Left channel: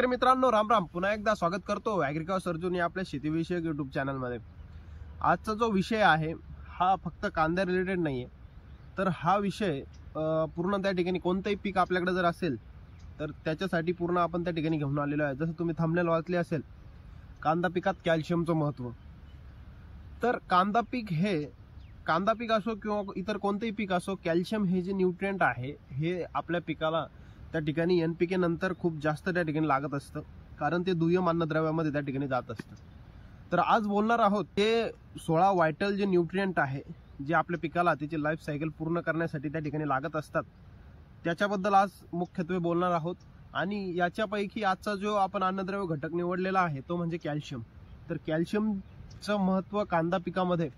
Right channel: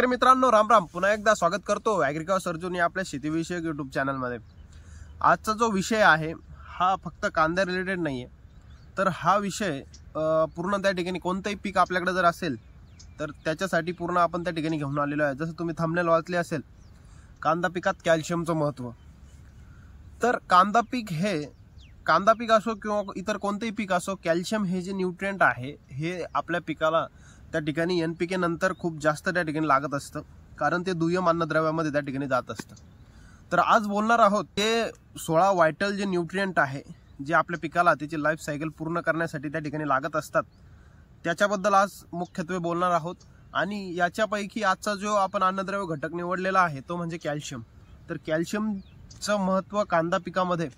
शेतकरी मित्रांनो राम राम, पुन्हा एकदा स्वागत करतो ॲग्रिकल्चर अर्जुन या आपल्या शेतीविषयक यूट्यूब चॅनलमध्ये। आजचा जो विषय आहे हा फक्त कांद्या रिलेटेड नाही आहे, तर हा विषय पूर्ण त्या ठिकाणी कोणतेही पीक आपल्याकडे जर असेल तर त्याच्यासाठी पूर्ण आपण त्या ठिकाणी घेऊन आलेलो आहे। जसं तुम्ही थंबनेल वाचले असेल, कांदा पिकात कॅल्शियमचं महत्त्व। तर कांदा पीक असो किंवा इतर कोणतेही पीक असो, कॅल्शियम हे जे न्यूट्रिएंट आहे हे आपल्या पिकाला त्या ठिकाणी एनपीके नंतर खूप जास्त त्या ठिकाणी लागत असतं, कारण ते दुय्यम अन्नद्रव्यामध्ये त्या ठिकाणी जात असतं। तर आज बोलणार आहोत ते 16 व्हायटल जे न्यूट्रिएंट आहे जे आपल्या पिकाला त्याची लाईफ सायकल पूर्ण करण्यासाठी त्या ठिकाणी लागत असतात, त्याच्याबद्दल आज मुख्यत्वे बोलणार आहोत। आणि याच्यापैकी आजचा जो आपण अन्नद्रव्य घटक निवडलेला आहे तो म्हणजे कॅल्शियम। तर कॅल्शियमचं महत्त्व कांदा पिकामध्ये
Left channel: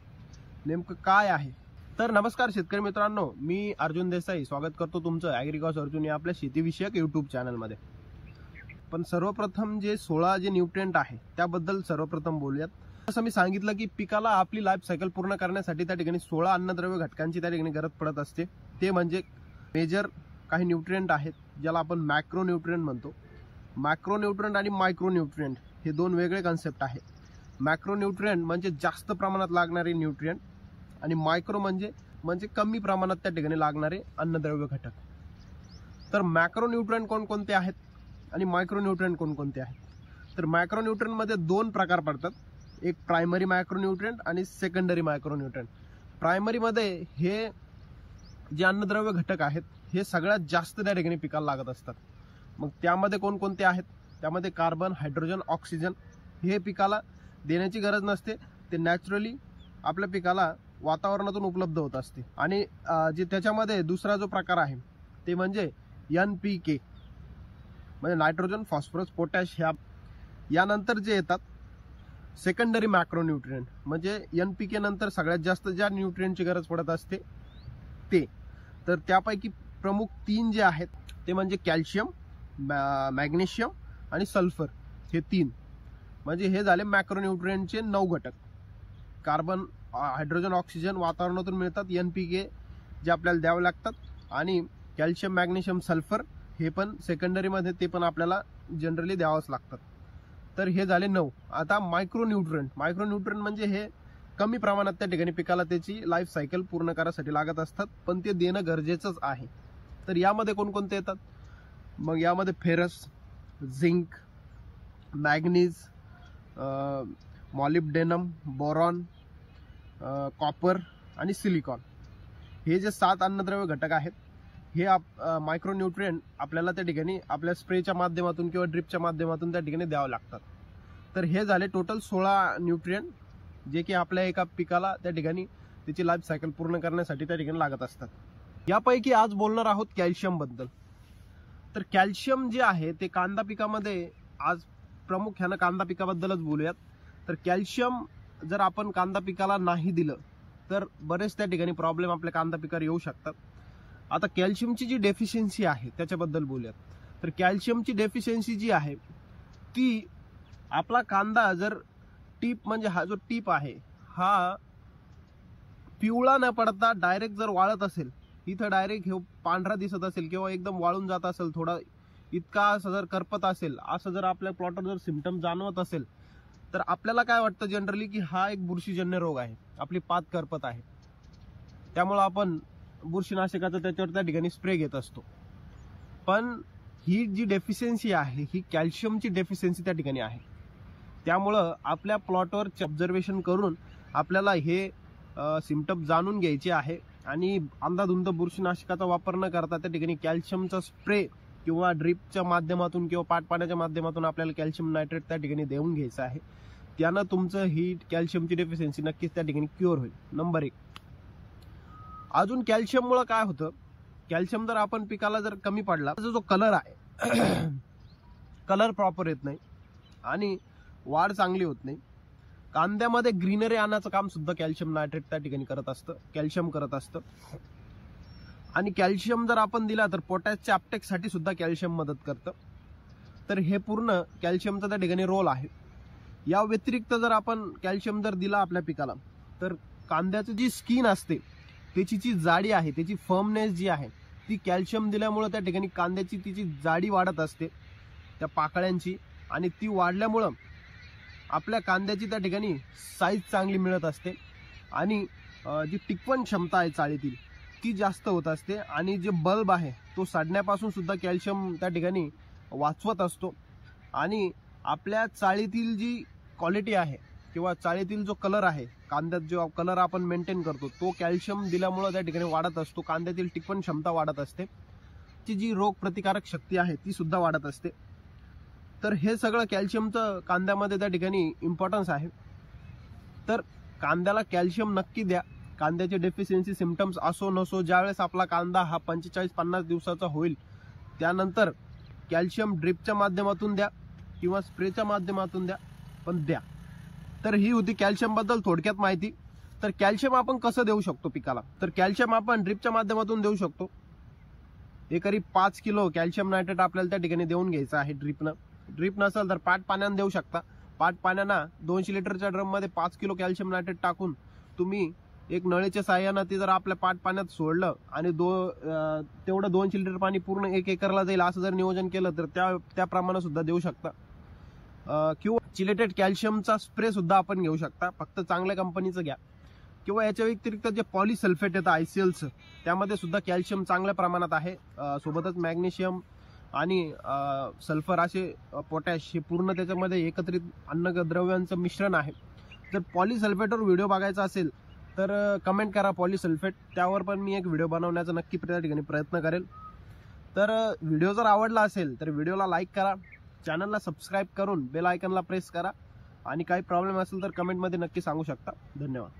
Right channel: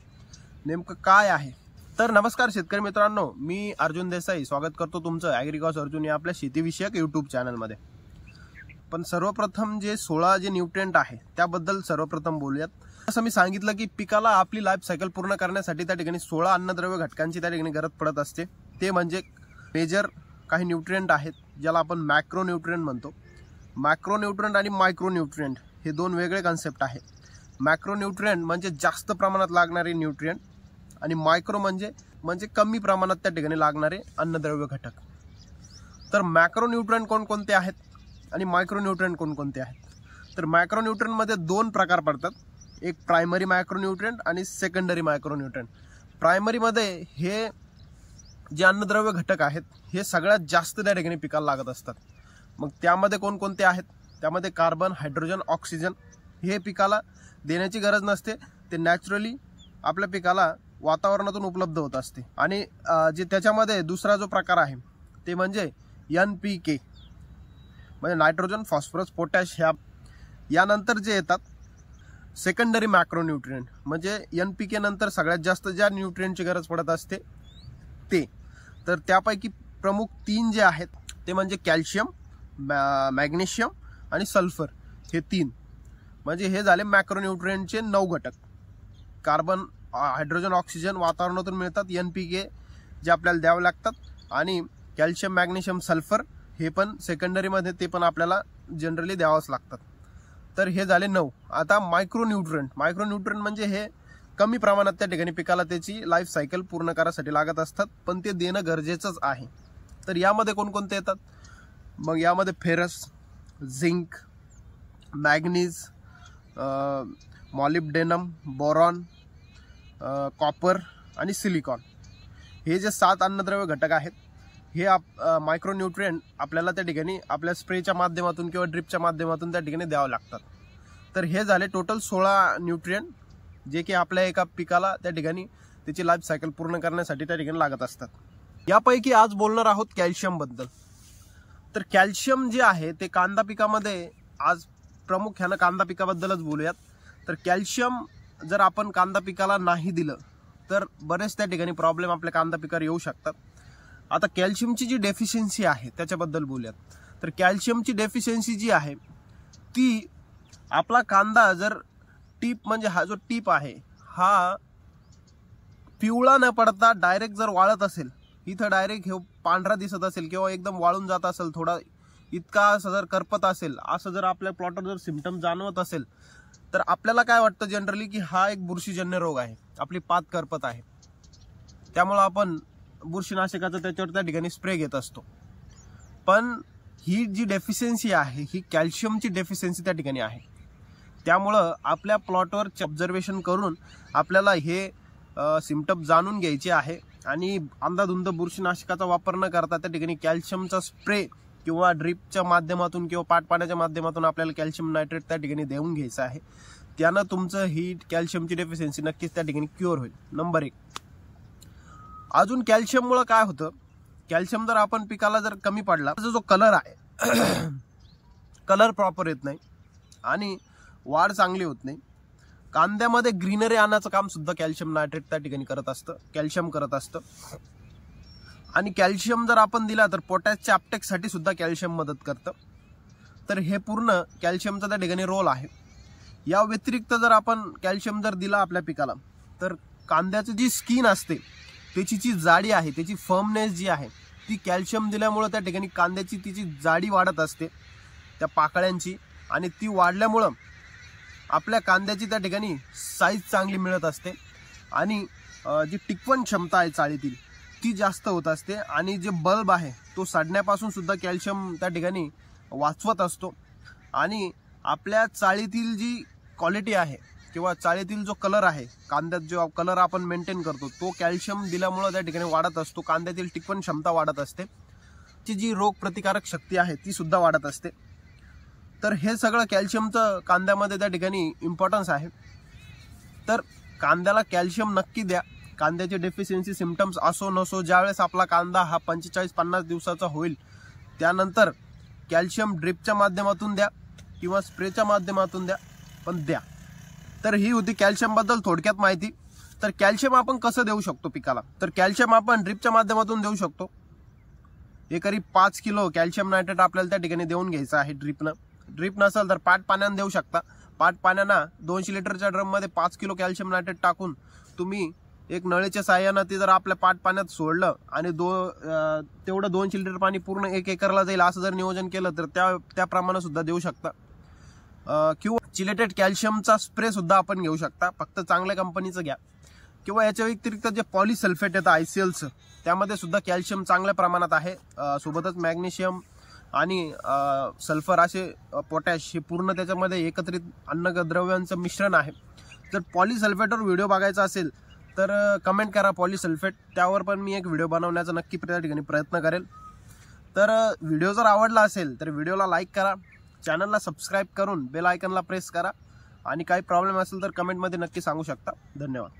नेमकं काय आहे? तर नमस्कार शेतकरी मित्रांनो, मी अर्जुन देसाई स्वागत करतो तुमचं ॲग्रिकल्चर अर्जुन या आपल्या शेतीविषयक यूट्यूब चॅनलमध्ये। पण सर्वप्रथम जे 16 जे न्यूट्रिएंट आहे त्याबद्दल सर्वप्रथम बोलूयात। असं मी सांगितलं की पिकाला आपली लाईफ सायकल पूर्ण करण्यासाठी त्या ठिकाणी 16 अन्नद्रव्य घटकांची त्या ठिकाणी गरज पडत असते। ते म्हणजे मेजर काही न्यूट्रिएंट आहेत ज्याला आपण मॅक्रो न्यूट्रिएंट म्हणतो। मॅक्रो न्यूट्रिएंट आणि मायक्रो न्यूट्रिएंट हे दोन वेगळे कन्सेप्ट आहे। मॅक्रो न्यूट्रिएंट म्हणजे जास्त प्रमाणात लागणारे न्यूट्रिएंट आणि मायक्रो म्हणजे कमी प्रमाणात त्या ठिकाणी लागणारे अन्नद्रव्य घटक। तर मॅक्रो न्यूट्रिएंट कोणकोणते आहेत आणि मायक्रो न्यूट्रिएंट कोणकोणते आहेत? तर मॅक्रो न्यूट्रिएंट मध्ये दोन प्रकार पडतात, एक प्रायमरी मायक्रो न्यूट्रिएंट आणि सेकंडरी मायक्रो न्यूट्रिएंट। प्रायमरी मध्ये हे जे अन्नद्रव्य घटक आहेत हे सगळ्यात जास्त त्या ठिकाणी पिकाला लागत असतात। मग त्यामध्ये कोणकोणते आहेत? त्यामध्ये कार्बन, हायड्रोजन, ऑक्सिजन हे पिकाला देण्याची गरज नसते, ते नॅचरली आपल्या पिकाला वातावरणातून उपलब्ध होत असते। आणि जे त्याच्यामध्ये दुसरा जो प्रकार आहे ते म्हणजे NPK म्हणजे नायट्रोजन, फॉस्फरस, पोटॅश यानंतर जे येतात सेकंडरी मॅक्रो न्यूट्रिएंट म्हणजे NPK नंतर सगळ्यात जास्त ज्या न्यूट्रिएंटची गरज पडत असते ते। तर त्यापैकी प्रमुख 3 जे आहेत ते म्हणजे कॅल्शियम, मॅग्नेशियम आणि सल्फर, हे 3 म्हणजे हे झाले मॅक्रो न्यूट्रिएंटचे 9 घटक। कार्बन, हायड्रोजन, ऑक्सिजन वातावरणातून मिळतात, NPK जे आपल्याला द्यावे लागतात, आणि कॅल्शियम, मॅग्नेशियम, सल्फर हे पण सेकंडरीमध्ये ते पण आपल्याला जनरली द्यावंच लागतात। तर हे झाले 9। आता मायक्रो न्यूट्रिएंट म्हणजे हे कमी प्रमाणात त्या ठिकाणी पिकाला त्याची लाईफ सायकल पूर्ण करायसाठी लागत असतात, पण ते देणं गरजेचंच आहे। तर यामध्ये कोणकोणते येतात? मग यामध्ये ferrous, zinc, manganese, molybdenum, boron, copper आणि सिलिकॉन हे जे 7 अन्नद्रव्य घटक आहेत हे मायक्रो न्यूट्रिएंट आपल्याला त्या ठिकाणी आपल्या स्प्रेच्या माध्यमातून किंवा ड्रिपच्या माध्यमातून त्या ठिकाणी द्यावं लागतात। तर हे झाले टोटल 16 न्यूट्रिएंट जे की आपल्या एका पिकाला त्या ठिकाणी त्याची लाईफ सायकल पूर्ण करण्यासाठी त्या ठिकाणी लागत असतात। यापैकी आज बोलणार आहोत कॅल्शियम बद्दल। तर कॅल्शियम जे आहे ते कांदा पिकामध्ये आज प्रामुख्याने कांदा पिकाबद्दलच बोलूयात। तर कॅल्शियम जर आपण कांदा पिकाला नाही दिलं तर बरेच त्या ठिकाणी प्रॉब्लेम आपल्या कांदा पिकावर येऊ शकतात। आता कॅल्शियमची जी डेफिशियन्सी आहे त्याच्याबद्दल बोलूयात। तर कॅल्शियमची डेफिशियन्सी जी आहे ती आपला कांदा जर टीप म्हणजे हा जो टीप आहे हा पिवळा न पडता डायरेक्ट जर वाळत असेल, इथं डायरेक्ट हे पांढरा दिसत असेल किंवा एकदम वाळून जात असेल, थोडा इतका असं जर करपत असेल, असं जर आपल्या प्लॉटवर जर सिम्पटम जाणवत असेल तर आपल्याला काय वाटतं जनरली की हा एक बुरशीजन्य रोग आहे, आपली पात करपत आहे, त्यामुळे आपण बुरशीनाशकाचा त्याच्यावर त्या ठिकाणी स्प्रे घेत असतो। पण ही जी डेफिशियन्सी आहे ही कॅल्शियमची डेफिशियन्सी त्या ठिकाणी आहे। त्यामुळं आपल्या प्लॉटवर ऑब्झर्वेशन करून आपल्याला हे सिम्पटम जाणून घ्यायचे आहे आणि अंधाधुंद बुरशीनाशकाचा वापर न करता त्या ठिकाणी कॅल्शियमचा स्प्रे किंवा ड्रिपच्या माध्यमातून किंवा पाटपाण्याच्या माध्यमातून आपल्याला कॅल्शियम नायट्रेट त्या ठिकाणी देऊन घ्यायचं आहे। त्यानं तुमचं ही कॅल्शियमची डेफिशियन्सी नक्कीच त्या ठिकाणी क्युअर होईल। नंबर 1। अजून कॅल्शियममुळे काय होतं, कॅल्शियम जर आपण पिकाला जर कमी पडला तर जो कलर आहे कलर प्रॉपर येत नाही आणि वाढ चांगली होत नाही। कांद्यामध्ये ग्रीनरी आणण्याचं काम सुद्धा कॅल्शियम नायट्रेट त्या ठिकाणी कॅल्शियम करत असतं। आणि कॅल्शियम जर आपण दिला तर पोटॅशच्या अपटेकसाठी सुद्धा कॅल्शियम मदत करतं। तर हे पूर्ण कॅल्शियमचा त्या ठिकाणी रोल आहे। या व्यतिरिक्त जर आपण कॅल्शियम जर दिला आपल्या पिकाला तर कांद्याची जी स्किन असते त्याची जी जाडी आहे, त्याची फर्मनेस जी आहे ती कॅल्शियम दिल्यामुळे त्या ठिकाणी कांद्याची तिची जाडी वाढत असते, त्या पाकळ्यांची, आणि ती वाढल्यामुळं आपल्या कांद्याची त्या ठिकाणी साईज चांगली मिळत असते आणि जी टिकवण क्षमता आहे चाळीतील ती जास्त होत असते, आणि जे बल्ब आहे तो सडण्यापासून सुद्धा कॅल्शियम त्या ठिकाणी वाचवत असतो. आणि आपल्या चाळीतील जी क्वालिटी आहे किंवा चाळीतील जो कलर आहे, कांद्यात जो कलर आपण मेंटेन करतो तो कॅल्शियम दिल्यामुळे त्या ठिकाणी वाढत असतो. कांद्यातील टिकवण क्षमता वाढत असते, ती जी रोग प्रतिकारक शक्ती आहे ती सुद्धा वाढत असते. तर हे सगळं कॅल्शियमचं कांद्यामध्ये त्या ठिकाणी इम्पॉर्टन्स आहे. तर कांद्याला कॅल्शियम नक्की द्या. कांद्याचे डेफिशियन्सी सिम्पटम्स असो नसो, ज्यावेळेस आपला कांदा हा 45-50 दिवसाचा होईल त्यानंतर कॅल्शियम ड्रिपच्या माध्यमातून द्या किंवा स्प्रेच्या माध्यमातून द्या, पण द्या. तर ही होती कॅल्शियमबद्दल थोडक्यात माहिती. तर कॅल्शियम आपण कसं देऊ शकतो पिकाला, तर कॅल्शियम आपण ड्रिपच्या माध्यमातून देऊ शकतो. एकरी 5 किलो कॅल्शियम नायट्रेट आपल्याला त्या ठिकाणी देऊन घ्यायचं आहे ड्रिपनं. ड्रिप नसेल तर पाट पाण्यानं देऊ शकता. पाट पाण्यानं 200 लिटरच्या ड्रममध्ये 5 किलो कॅल्शियम नायट्रेट टाकून तुम्ही एक नळीच्या साह्यानं ते जर आपल्या पाट पाण्यात सोडलं आणि तेवढं 200 लिटर पाणी पूर्ण 1 एकरला जाईल असं जर नियोजन केलं तर त्याप्रमाणे सुद्धा देऊ शकता. किंवा चिलेटेड कॅल्शियमचा स्प्रे सुद्धा आपण घेऊ शकता, फक्त चांगल्या कंपनीचं घ्या. किंवा याच्या व्यतिरिक्त जे पॉलीसल्फेट येतं ICLचं, त्यामध्ये सुद्धा कॅल्शियम चांगल्या प्रमाणात आहे. सोबतच मॅग्नेशियम आणि सल्फर असे पोटॅश हे पूर्ण त्याच्यामध्ये एकत्रित अन्नद्रव्यांचं मिश्रण आहे. जर पॉलीसल्फेटवर व्हिडिओ बघायचा असेल तर कमेंट करा पॉलीसल्फेट, त्यावर पण मी एक व्हिडिओ बनवण्याचा नक्की त्या ठिकाणी प्रयत्न करेल. तर व्हिडिओ जर आवडला असेल तर व्हिडिओला लाईक करा, चॅनलला सबस्क्राईब करून बेल आयकॉनला प्रेस करा, आणि काही प्रॉब्लेम असेल तर कमेंटमध्ये नक्की सांगू शकता. धन्यवाद.